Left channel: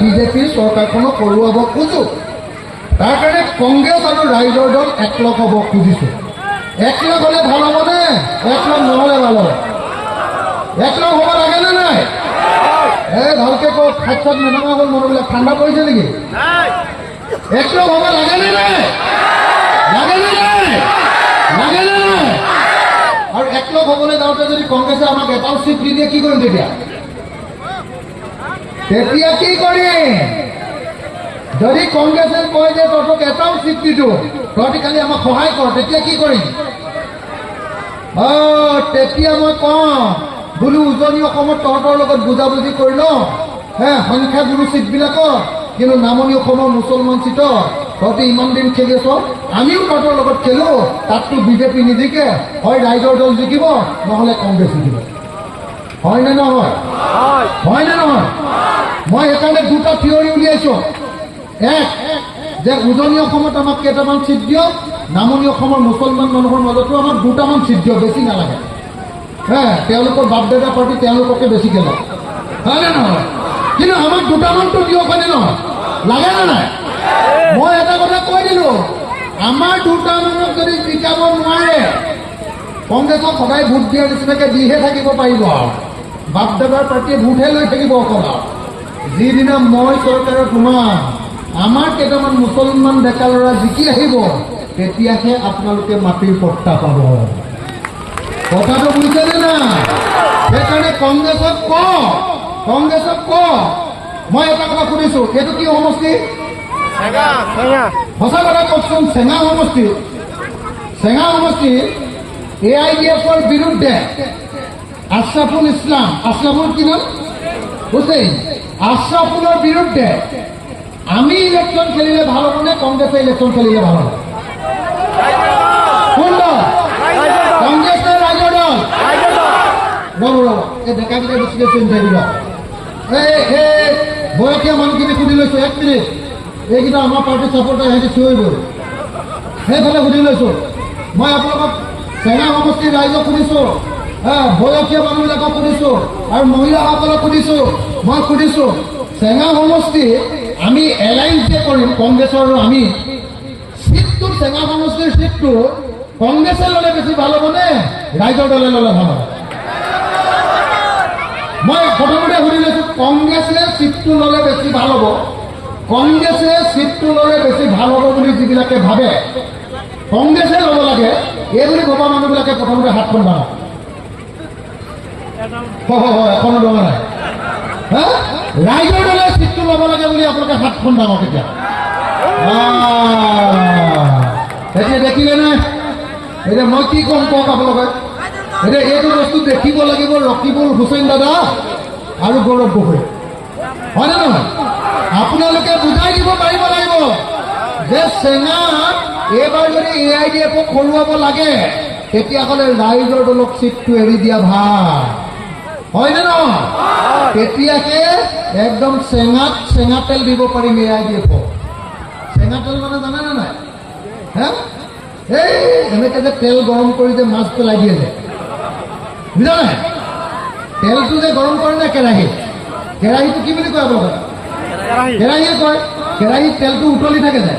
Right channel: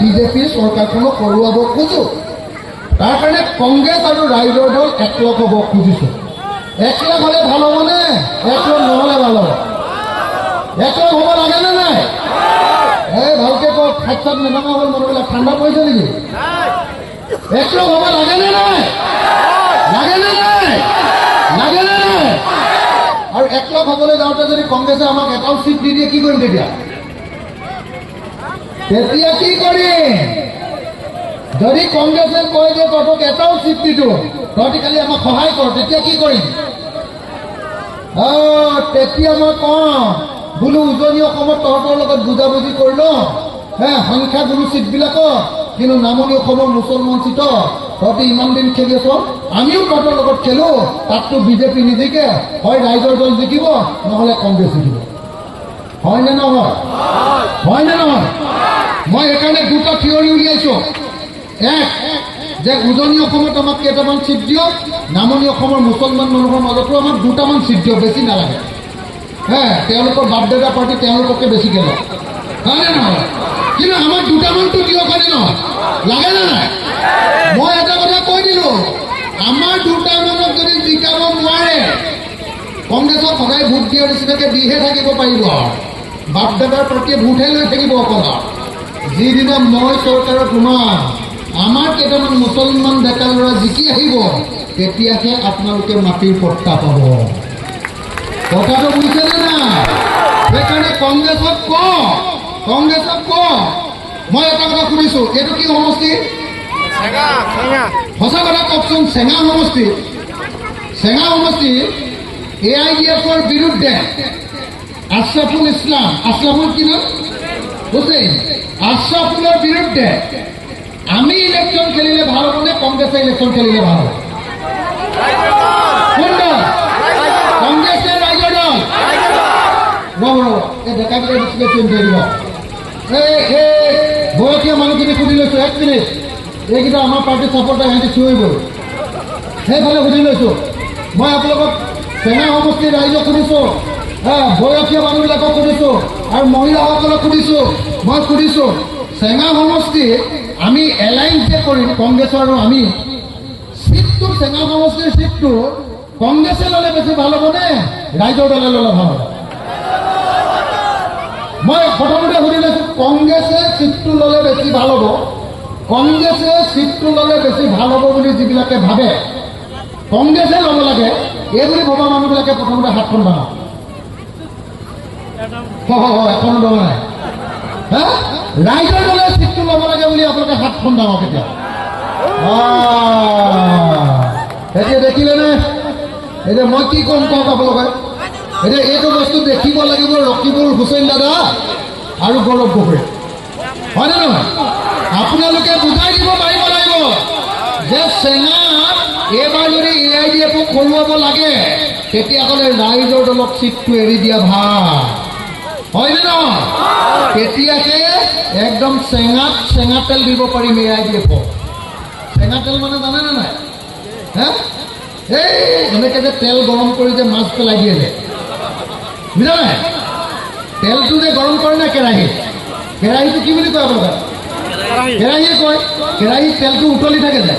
বিজেপিৰ চৰকাৰখনক কৰোৱাব খোজো। তাৰ কাৰণে কংগ্ৰেছ আৰু ৰাইজৰ দল একলগ হ'ব খুজিছোঁ। একলগ হ'লে ভাল হ'বনে? একলগ নহ'লে ভাল হ'ব? একলগ হ'ব লাগেনে নাই? ভালকে কওক, হাত চাত নেভাঙা হ'ল মানুহবিলাক, ঠাণ্ডা পৰিছে নেকি? একলগ হ'ব লাগেনে নাই? লাগেনে নাই? লাগেনে নাই? আৰু একলগ হ'বলৈ যাওঁতে যদি কংগ্ৰেছে আমাক এটাও চিট দি দিয়ে কি কৰিম তেতিয়া? তেতিয়া কি কৰিম? যদি কংগ্ৰেছে কয় যে তহঁতক এটাও চিট দিছোঁ, তহঁতি খালি আমাক সহায় কৰ, তেতিয়া কি কৰিম? তেতিয়া মই কওঁ বোলো উজনি অসমত তহঁতৰ লগত বুজাবুজি কৰি লওঁ, সংখ্যাগুৰু চিটবিলাকত, কিন্তু নামনি অসমৰ মুছলমান চিটত তহঁতি ইমান দিন খেলি আছ, আমিও তহঁতৰ লগত খেলো, তাততো বিজেপি নিজিকে, হয় ৰাইজৰ দল জিকিব, নহ'লে কংগ্ৰেছ জিকিব। হয়নে নহয়? হয়নে নহয়? মই সেইকাৰণে দুটা থিয়ৰী উলিয়াইছোঁ। এক, যে উজনি অসমত আমাক কেইটামান চিট দিয়ক, নামনি অসমৰ মুছলমান মানুহৰ মাজতো আমাক দুটামান চিট দিয়ক, বেছি নালাগে। তেওঁলোকৰ বাপদাদা পাৰ্টি তেওঁলোককে বেছিকৈ লওক, হয়নে নহয়? কিন্তু আমাক দুটামানটো দিয়ক, হয়নে নহয়? লাগে নে নাই? মই এটা কথা কৈ দিলোঁ, আমাৰ দুটামানক যদি জিকাব নোৱাৰে, কংগ্ৰেছক সদায় ভোট দিয়াৰ নিচিনাকৈ দিহে থাকিব পাৰিব আৰু বাপদাদাৰ পাৰ্টিয়ে ভোটহে লৈ থাকিব অকল। যিদিনা মই চৰকাৰত সোমাম, আমাৰ কেইটামান মুছলমান ডেকা ল'ৰা জিকি আহিব, তেতিয়াহে আপোনালোকে মাটিৰ পট্টা পাব। কথাটো বুজিছেনে নাই? সেইকাৰণে কংগ্ৰেছক কওঁ, মই এটা কথা শুনিছোঁ, এইটো কি সমষ্টি? সঁচা কথা কওকচোন, চেঙা সমষ্টি। চেঙা সমষ্টি AIDFৰ বিৰুদ্ধে আশ্ৰাফুল ইছলাম, আশ্ৰাফুল কি নাম? হুছেইন। আশ্ৰাফুলৰ বিৰুদ্ধে আমি ইলেকশ্যন খেলিলে ভাল হ'বনে কংগ্ৰেছে ইলেকশ্যন খেলিলে ভাল হ'ব? কোন দল? কংগ্ৰেছ নে ৰাইজৰ দল? এই ডেকাকেইটা দিছিলে চিন্তা দিবা। বয়সীয়া মানুহখিনি সুধি লৈছোঁ, 1 মিনিট। এইকেইটা আমাৰ পাৰ্টিৰ ছাপৰ্টাৰ, সিহঁতে চিঞৰি গ'ল। সেইফালে সুধি লৈছোঁ। মই আপোনালোকক চেঙা সমষ্টিৰ ৰাইজক সুধিছোঁ, বয়সীয় মানুহবিলাকক সুধিছোঁ, আৰু মহিলাসকলক সুধিছোঁ। মই সুধিছোঁ, চেঙা সমষ্টি আমি এলায়েন্স যে কৰিম কংগ্ৰেছৰ আৰু আমি, চিটটো চেঙা সমষ্টিৰ চিটটো কংগ্ৰেছে ল'লে বেছি ভাল হ'বনে ৰাইজৰ দলে ল'লে ভাল হ'ব? মই প্ৰথমতে সুধি লৈছোঁ, কংগ্ৰেছে চিটটো ল'লে বেছি ভাল হ'ব, কংগ্ৰেছে চিটটো ল'লে বেছি ভাল হ'ব বুলি যিবিলাকে ভাবে, কংগ্ৰেছে ল'ব লাগে এই বুলি ভবা মানুহবিলাকে প্ৰথমতে হাতখন বাঢ়াওক। এখন ল'ব নাই, ৰাইজৰ দলে চিটটো ল'ব লাগে বুলি আপোনালোকে হাতখন ডাঙৰ কেতিয়া? এতিয়া দেখিলেনে? এতিয়া মই কি ক'ম কওক আপোনালোকে? এতিয়া এইটো বস্তু দেখিব লাগিব ৰকিবুল হুছেইন দাদা আৰু গৌৰৱ গগৈ, হয়নে নহয়? আপোনালোকে বুজাই দিব পাৰিব লাগিব যে চেঙাত এইবাৰ যদি AIDFক খৰুৱাব লাগে, তেতিয়াহ'লে ৰাইজৰ দলক চিটটো এৰি দিয়া ভাল, হয়নে নহয়? তেতিয়াহে একদম চেঙা তেল দিব পাৰিম AIDFক। চেঙা তেল মানে জানেনে নাই? এনেকৈ যে তেল গৰম কৰি যে মাছ পেলাই দিয়ে যে, বুজা নাই? তেলটো যে গৰম কৰে না কেৰাহীটো কি বুলি কয় আপোনালোকে? কেৰাহীয়ে কয়। কেৰাহীত তেলটো উতলি থাকে যে,